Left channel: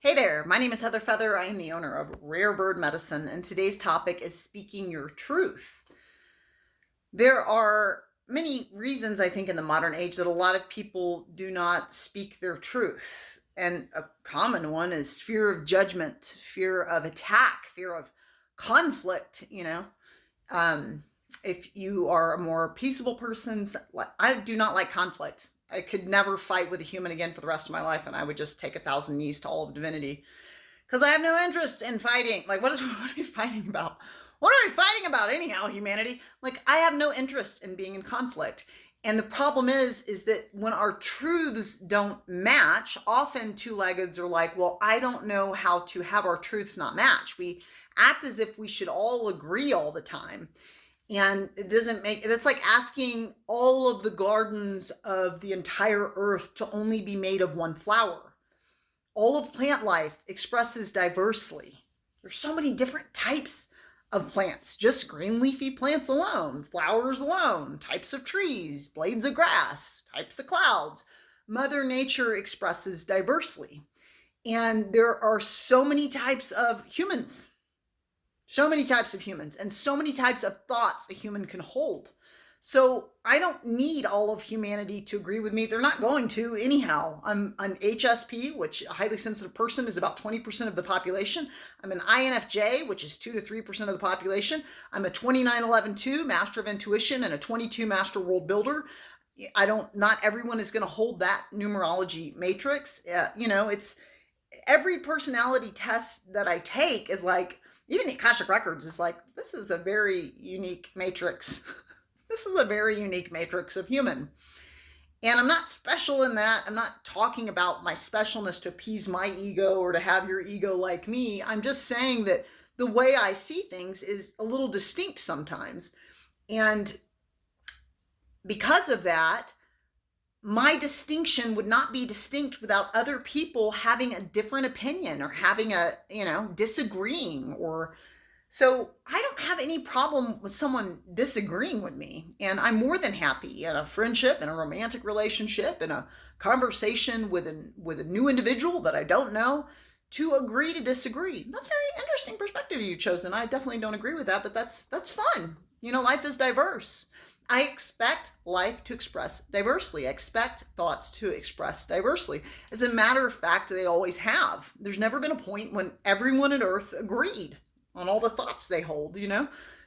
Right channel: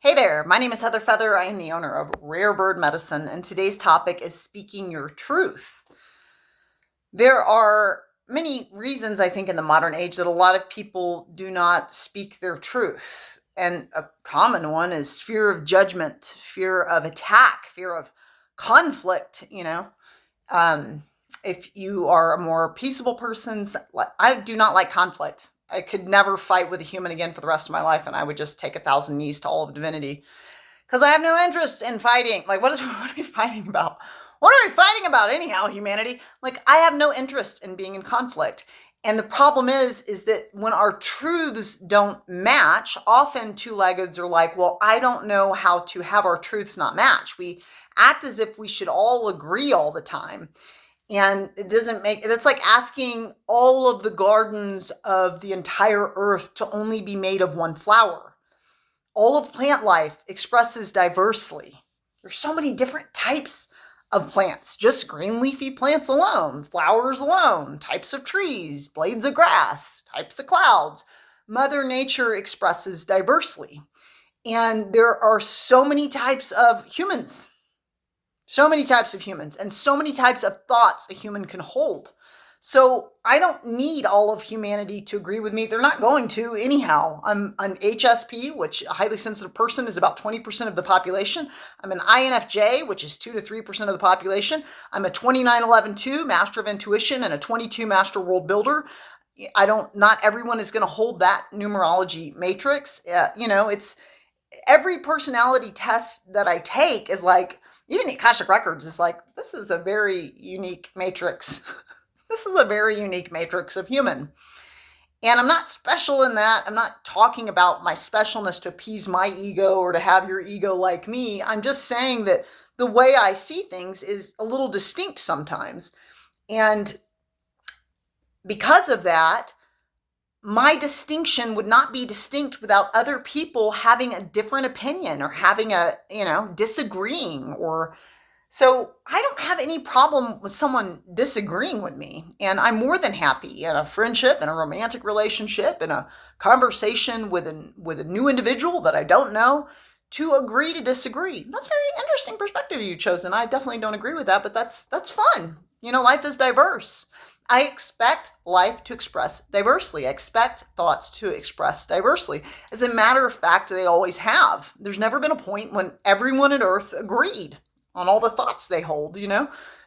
Hey there, my name is Heather Feather. I am the owner of Rare Bird Medicine, and today's topic is speaking your truth. There are many reasons, I think, in the modern age that a lot of people do not speak their truth. And a common one is fear of judgment, fear of attack, fear of conflict. Um, if you are a more peaceable person, I do not like conflict. I could never fight with a human again for the rest of my life, and I would just take 1,000 knees to all of divinity because I have no interest in fighting. Like, what are we fighting about? What are we fighting about anyhow, humanity? Like, I have no interest in being in conflict. And the problem is that when our truths don't match, often two-leggeds are like, well, I don't know how to have our truths not match. We act as if we should all agree all the time. And it doesn't make that's like asking all of the gardens of the entire earth to only be made of one flower. All of plant life expresses diversely. There's so many different types of plants, just green leafy plants alone, flowers alone, types of trees, blades of grass, types of clouds. Mother Nature expresses diversely. And there are so many types of humans, and so many types of thoughts a human can hold. So I don't need all of humanity to agree with me. They're not going to anyhow. I'm an HSP, which a highly sensitive person is about 20% of the population. I'm an INFJ, which is 2 to 3% of the population. I'm a 2911-2 master of intuition and a 22 master world builder. Not everyone is going to hold that numerology matrix. It's every personality test that I take is like, even the Akashic Records is like, this is a very unique matrix. This is a very unique matrix of human. And I'm not special in that. I'm not talking about my specialness to appease my ego or to have your ego like me. I'm just saying that the way I see things is a little distinct sometimes. And because of that, my distinction would not be distinct without other people having a different opinion or having disagreeing. Or so I don't have any problem with someone disagreeing with me. And I'm more than happy in a friendship, in a romantic relationship, in a conversation with a new individual that I don't know, to agree to disagree. That's a very interesting perspective you've chosen. I definitely don't agree with that, but that's fun. Life is diverse. I expect life to express diversely. I expect thoughts to express diversely. As a matter of fact, they always have. There's never been a point when everyone on earth agreed on all the thoughts they hold.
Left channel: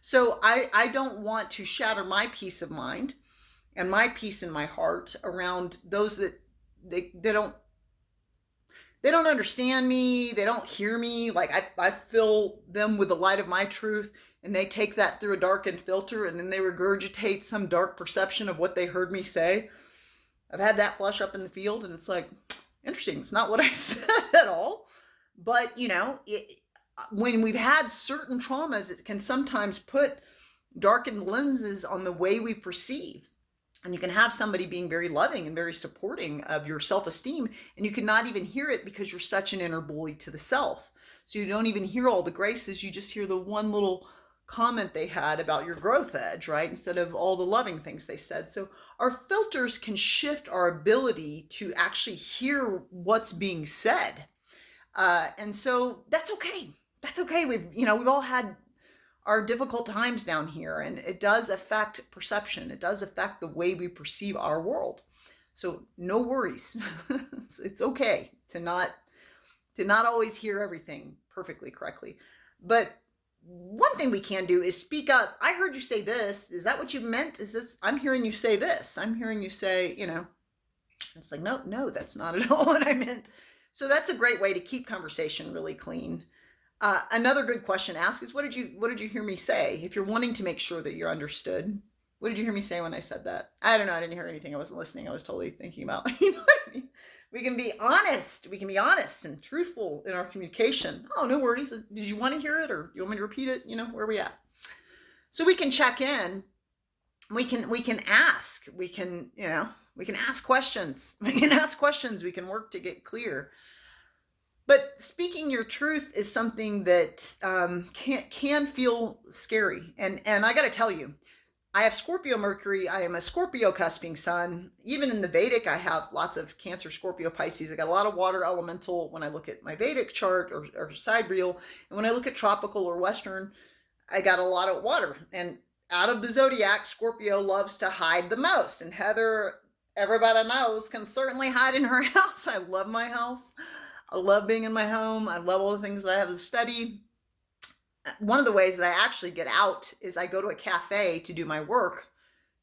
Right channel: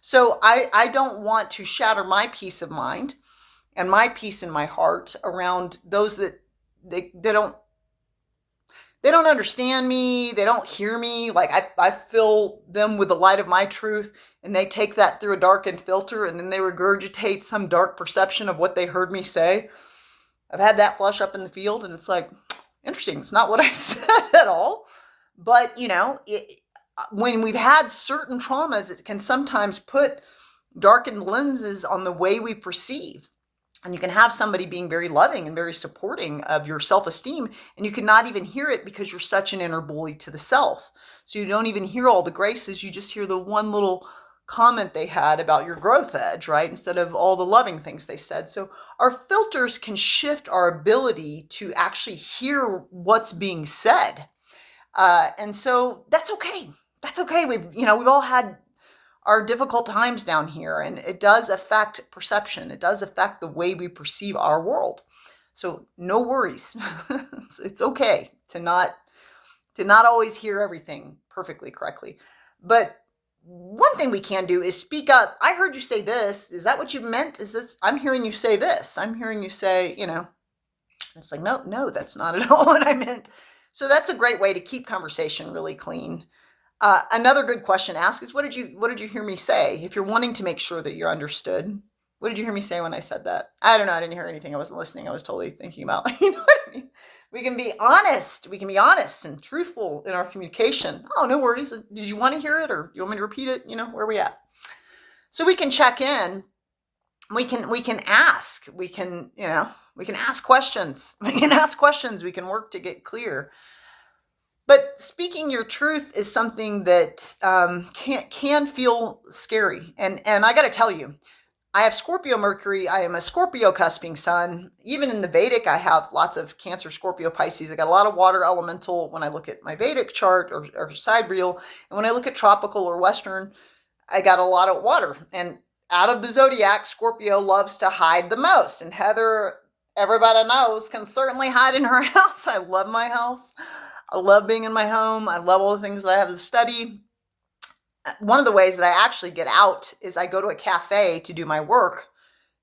So I don't want to shatter my peace of mind and my peace in my heart around those that they don't understand me, they don't hear me. Like, I fill them with the light of my truth, and they take that through a darkened filter, and then they regurgitate some dark perception of what they heard me say. I've had that flush up in the field, and it's like, interesting, it's not what I said at all. But when we've had certain traumas, it can sometimes put darkened lenses on the way we perceive. And you can have somebody being very loving and very supporting of your self-esteem, and you cannot even hear it because you're such an inner bully to the self. So you don't even hear all the graces, you just hear the one little comment they had about your growth edge, right? Instead of all the loving things they said. So our filters can shift our ability to actually hear what's being said. And so that's okay. That's okay. We've all had our difficult times down here, and it does affect perception. It does affect the way we perceive our world. So no worries. It's okay to not always hear everything perfectly correctly. But one thing we can do is speak up. I heard you say this. Is that what you meant? Is this I'm hearing you say this. I'm hearing you say. It's like, no, no, that's not at all what I meant. So that's a great way to keep conversation really clean. Another good question to ask is, what did you hear me say? If you're wanting to make sure that you're understood, what did you hear me say when I said that? I don't know. I didn't hear anything. I wasn't listening. I was totally thinking about, you know what I mean? We can be honest. We can be honest and truthful in our communication. Oh, no worries. Did you want to hear it, or you want me to repeat it? Where are we at? So we can check in. We can ask. We can ask questions. We can ask questions. We can work to get clear. But speaking your truth is something that can feel scary. And I got to tell you, I have Scorpio Mercury. I am a Scorpio cusping sun. Even in the Vedic, I have lots of Cancer, Scorpio, Pisces. I got a lot of water elemental when I look at my Vedic chart or sidereal. And when I look at tropical or Western, I got a lot of water. And out of the zodiac, Scorpio loves to hide the most. And Heather, everybody knows, can certainly hide in her house. I love my house. I love being in my home. I love all the things that I have to study. One of the ways that I actually get out is I go to a cafe to do my work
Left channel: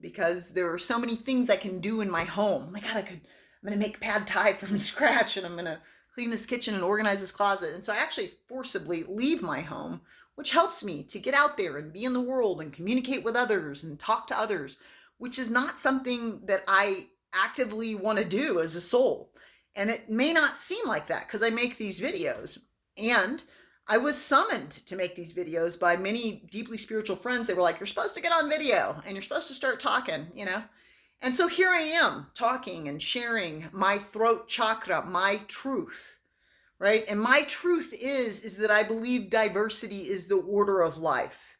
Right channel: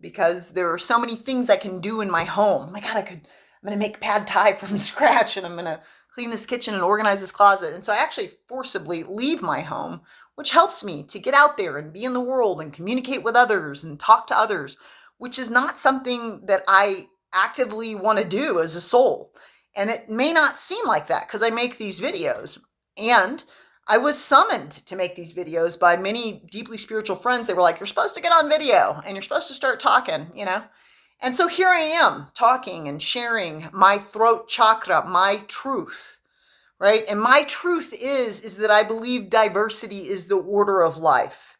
because there are so many things I can do in my home. Oh my God, I'm going to make pad thai from scratch, and I'm going to clean this kitchen and organize this closet. And so I actually forcibly leave my home, which helps me to get out there and be in the world and communicate with others and talk to others, which is not something that I actively want to do as a soul. And it may not seem like that because I make these videos. And I was summoned to make these videos by many deeply spiritual friends. They were like, you're supposed to get on video and you're supposed to start talking, you know? And so here I am talking and sharing my throat chakra, my truth, right? And my truth is that I believe diversity is the order of life.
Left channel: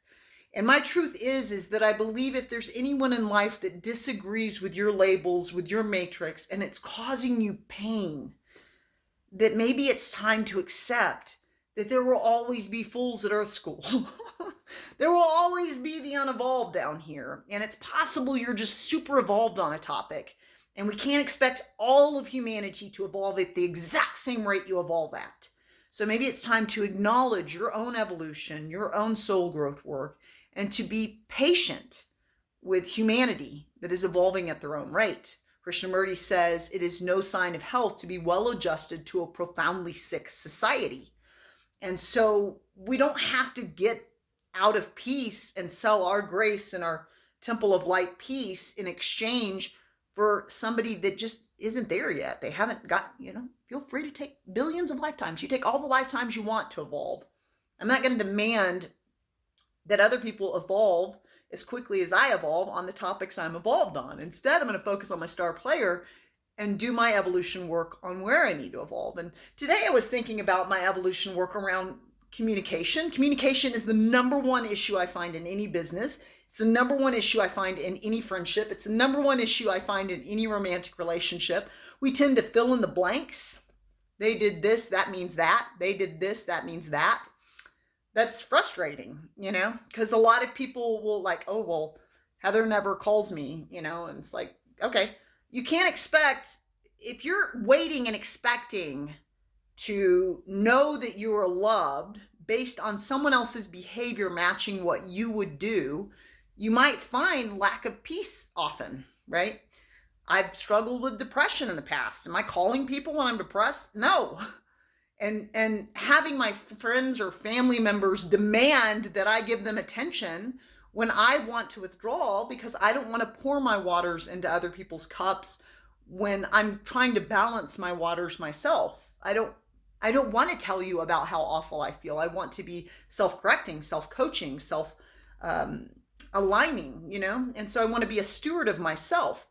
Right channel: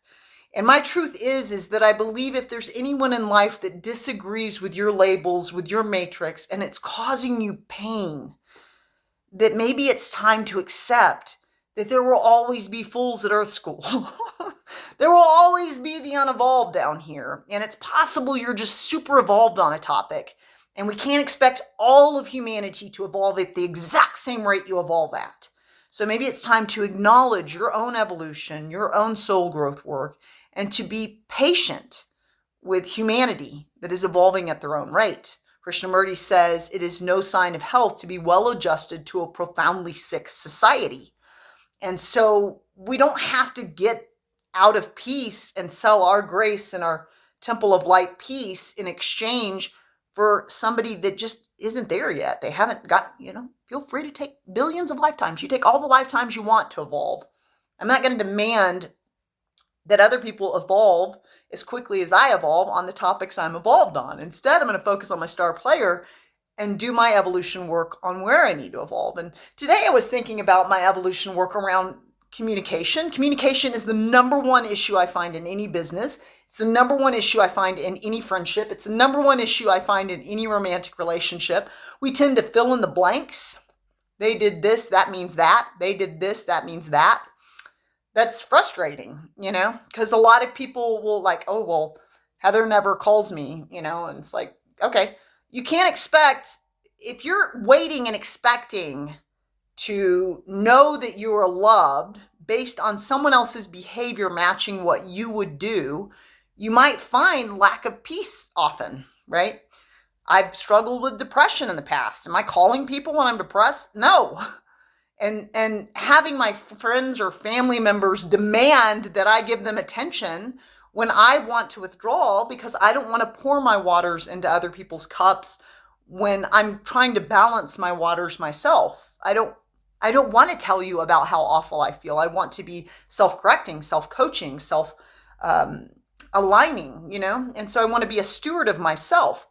And my truth is that I believe if there's anyone in life that disagrees with your labels, with your matrix, and it's causing you pain, that maybe it's time to accept that there will always be fools at Earth School. There will always be the unevolved down here. And it's possible you're just super evolved on a topic. And we can't expect all of humanity to evolve at the exact same rate you evolve at. So maybe it's time to acknowledge your own evolution, your own soul growth work, and to be patient with humanity that is evolving at their own rate. Krishnamurti says it is no sign of health to be well adjusted to a profoundly sick society. And so we don't have to get out of peace and sell our grace and our temple of light peace in exchange for somebody that just isn't there yet. They haven't got, feel free to take billions of lifetimes. You take all the lifetimes you want to evolve. I'm not going to demand that other people evolve as quickly as I evolve on the topics I'm evolved on. Instead, I'm going to focus on my star player and do my evolution work on where I need to evolve. And today I was thinking about my evolution work around communication. Communication is the number one issue I find in any business. It's the number one issue I find in any friendship. It's the number one issue I find in any romantic relationship. We tend to fill in the blanks. They did this, that means that. They did this, that means that. That's frustrating, because a lot of people will like, oh, well, Heather never calls me, and it's like, okay. You can't expect, if you're waiting and expecting to know that you are loved based on someone else's behavior matching what you would do, you might find lack of peace often, right? I've struggled with depression in the past. Am I calling people when I'm depressed? No. And having my friends or family members demand that I give them attention when I want to withdraw because I don't want to pour my waters into other people's cups when I'm trying to balance my waters myself. I don't want to tell you about how awful I feel. I want to be self-correcting, self-coaching, self-aligning, And so I want to be a steward of myself.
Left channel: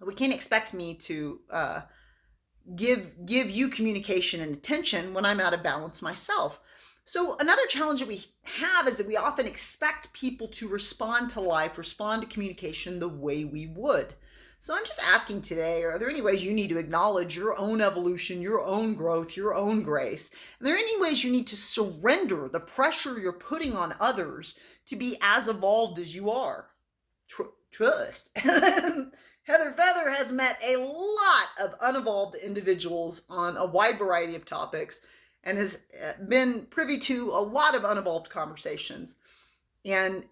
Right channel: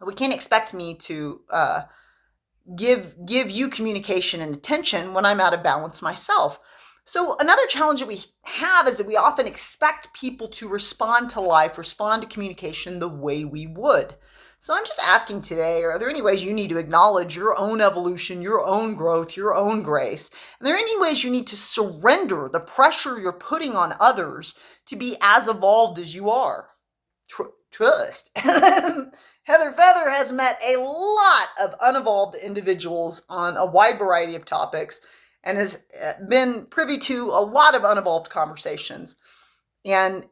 We can't expect me to give you communication and attention when I'm out of balance myself. So another challenge that we have is that we often expect people to respond to life, respond to communication the way we would. So I'm just asking today, are there any ways you need to acknowledge your own evolution, your own growth, your own grace? Are there any ways you need to surrender the pressure you're putting on others to be as evolved as you are? Trust. Heather Feather has met a lot of unevolved individuals on a wide variety of topics and has been privy to a lot of unevolved conversations. And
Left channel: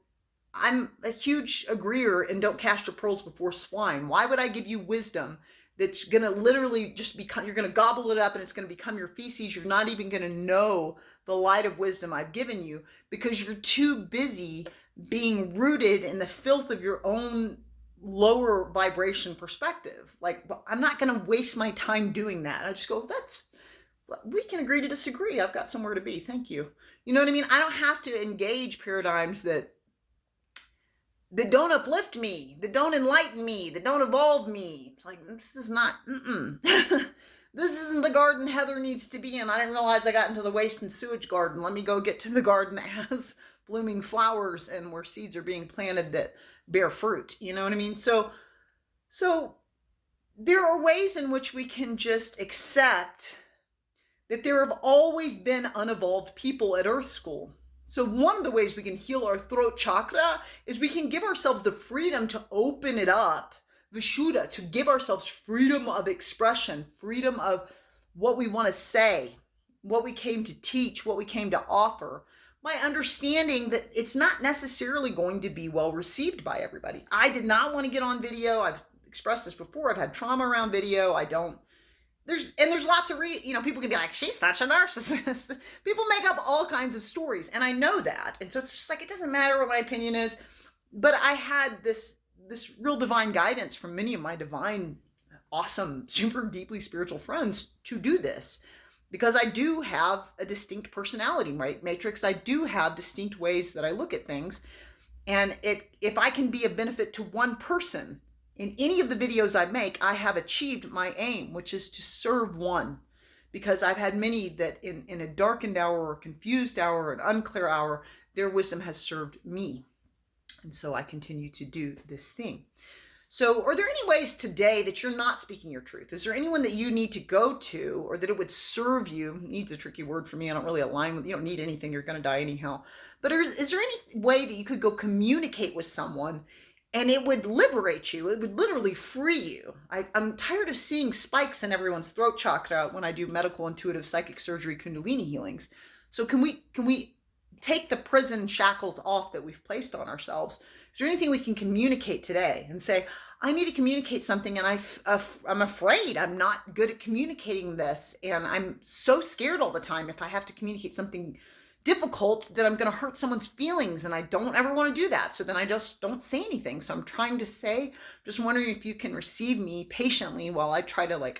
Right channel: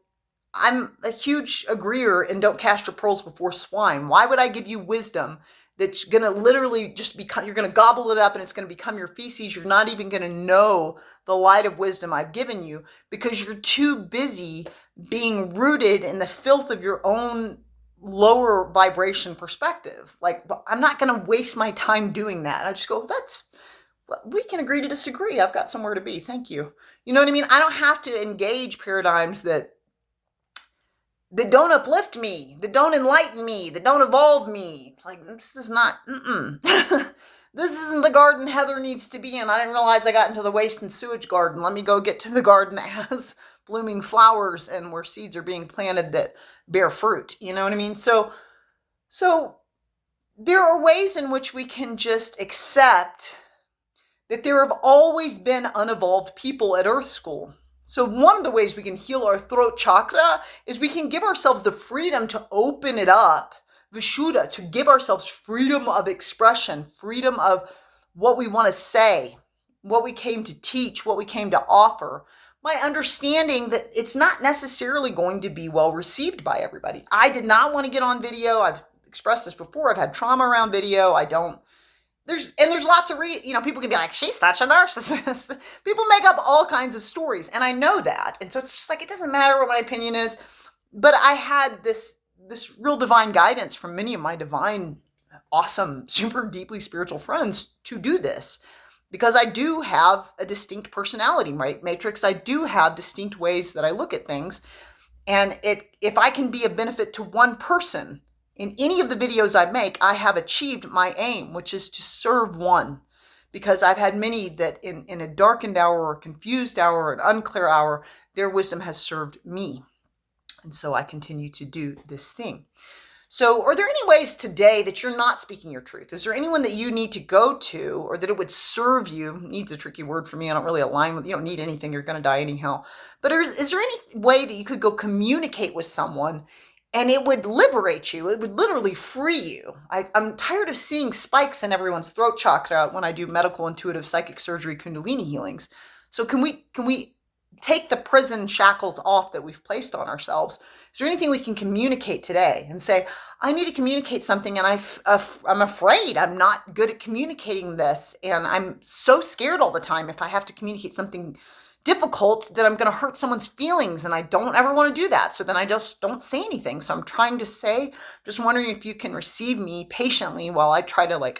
I'm a huge agreeer in don't cast your pearls before swine. Why would I give you wisdom that's going to literally just become, you're going to gobble it up and it's going to become your feces. You're not even going to know the light of wisdom I've given you because you're too busy being rooted in the filth of your own lower vibration perspective. Like, I'm not going to waste my time doing that. I just go, we can agree to disagree. I've got somewhere to be. Thank you. You know what I mean? I don't have to engage paradigms that don't uplift me, that don't enlighten me, that don't evolve me. It's like, this is not, this isn't the garden Heather needs to be in. I didn't realize I got into the waste and sewage garden. Let me go get to the garden that has blooming flowers and where seeds are being planted that bear fruit. You know what I mean? So there are ways in which we can just accept that there have always been unevolved people at Earth School. So one of the ways we can heal our throat chakra is we can give ourselves the freedom to open it up, Vishuddha, to give ourselves freedom of expression, freedom of what we want to say, what we came to teach, what we came to offer. My understanding that it's not necessarily going to be well received by everybody. I did not want to get on video. I've expressed this before. I've had trauma around video. There's lots of people can be like, she's such a narcissist. People make up all kinds of stories, and I know that. And so it's just like, it doesn't matter what my opinion is. But I had this real divine guidance from many of my divine, awesome, super deeply spiritual friends to do this. Because I do have a distinct personality, right, Matrix? I do have distinct ways that I look at things. And if I can be a benefit to one person in any of the videos I make, I have achieved my aim, which is to serve one. Because I've had many that in a darkened hour or confused hour or an unclear hour, their wisdom has served me. And so I continue to do this thing. So are there any ways today that you're not speaking your truth? Is there anyone that you need to go to or that it would serve you? Needs a tricky word for me. I don't really align with, you don't need anything. You're going to die anyhow. But is there any way that you could go communicate with someone and it would liberate you? It would literally free you. I'm tired of seeing spikes in everyone's throat chakra when I do medical, intuitive, psychic surgery, Kundalini healings. So can we take the prison shackles off that we've placed on ourselves? Is there anything we can communicate today and say, I need to communicate something and I'm afraid I'm not good at communicating this, and I'm so scared all the time if I have to communicate something difficult that I'm going to hurt someone's feelings, and I don't ever want to do that. So then I just don't say anything. So I'm trying to say, just wondering if you can receive me patiently while I try to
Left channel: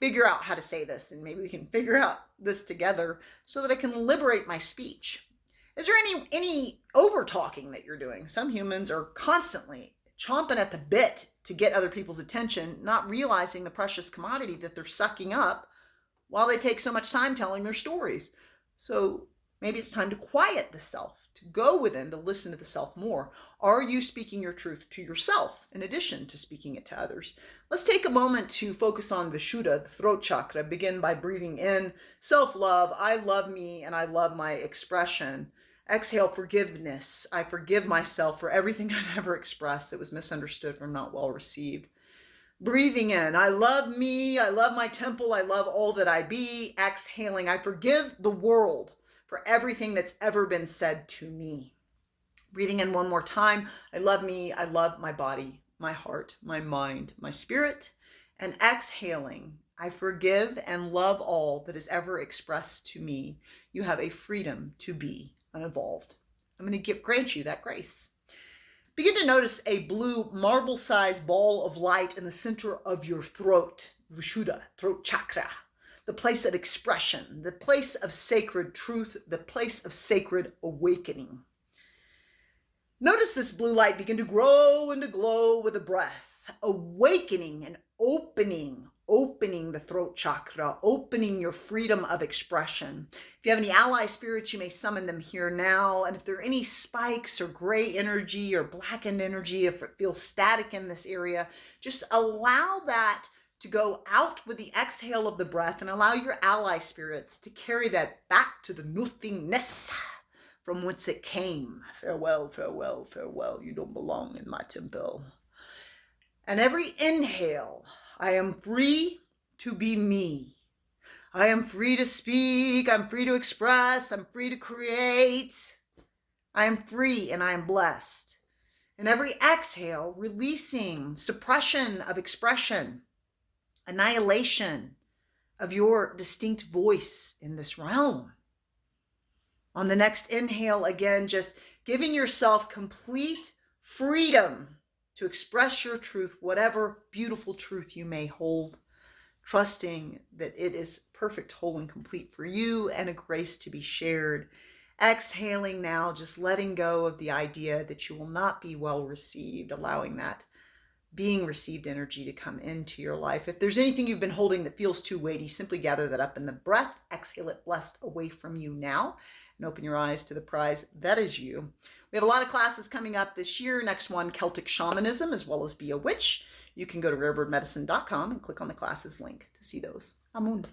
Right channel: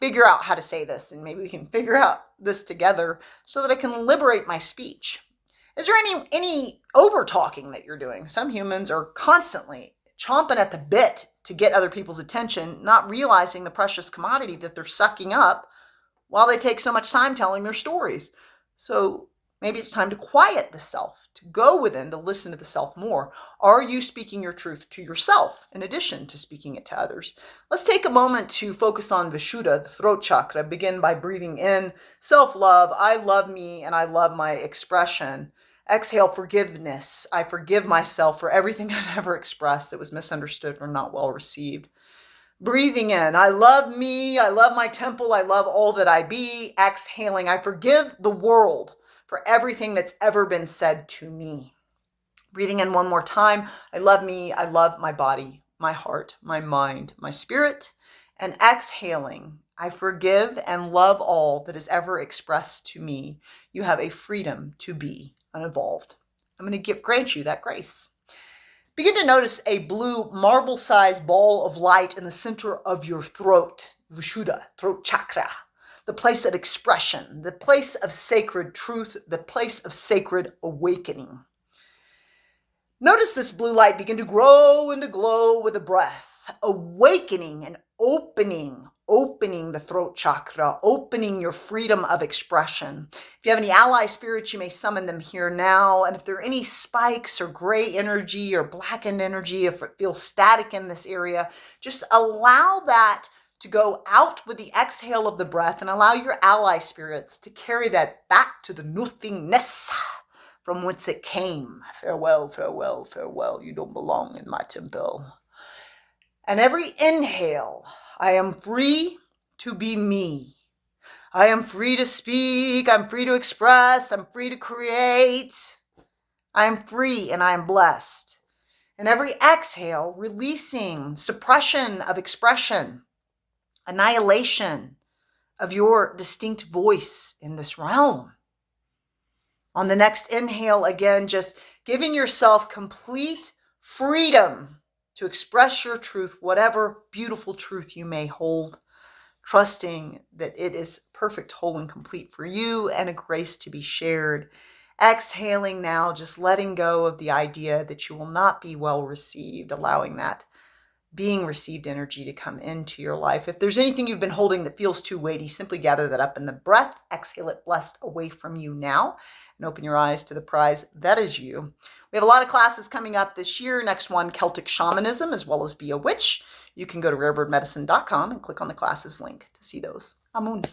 figure out how to say this, and maybe we can figure out this together so that I can liberate my speech. Is there any over talking that you're doing? Some humans are constantly chomping at the bit to get other people's attention, not realizing the precious commodity that they're sucking up while they take so much time telling their stories. So maybe it's time to quiet the self, to go within, to listen to the self more. Are you speaking your truth to yourself in addition to speaking it to others? Let's take a moment to focus on Vishuddha, the throat chakra. Begin by breathing in self-love. I love me and I love my expression. Exhale, forgiveness. I forgive myself for everything I've ever expressed that was misunderstood or not well received. Breathing in, I love me, I love my temple, I love all that I be. Exhaling, I forgive the world for everything that's ever been said to me. Breathing in one more time, I love me, I love my body, my heart, my mind, my spirit. And exhaling, I forgive and love all that is ever expressed to me. You have a freedom to be unevolved. I'm going to grant you that grace. Begin to notice a blue marble-sized ball of light in the center of your throat, Vishuddha, throat chakra, the place of expression, the place of sacred truth, the place of sacred awakening. Notice this blue light begin to grow and to glow with a breath, awakening and opening the throat chakra, opening your freedom of expression. If you have any ally spirits, you may summon them here now. And if there are any spikes or gray energy or blackened energy, if it feels static in this area, just allow that to go out with the exhale of the breath and allow your ally spirits to carry that back to the nothingness from whence it came. Farewell, farewell, farewell. You don't belong in my temple. And every inhale, I am free to be me. I am free to speak. I'm free to express. I'm free to create. I am free and I am blessed. And every exhale, releasing suppression of expression, annihilation of your distinct voice in this realm. On the next inhale, again, just giving yourself complete freedom to express your truth, whatever beautiful truth you may hold, trusting that it is perfect, whole, and complete for you and a grace to be shared. Exhaling now, just letting go of the idea that you will not be well received, allowing that being received energy to come into your life. If there's anything you've been holding that feels too weighty, simply gather that up in the breath, exhale it blessed away from you now. and open your eyes to the prize that is you. We have a lot of classes coming up this year. Next one, Celtic Shamanism, as well as Be a Witch. You can go to rarebirdmedicine.com and click on the classes link to see those. Amun.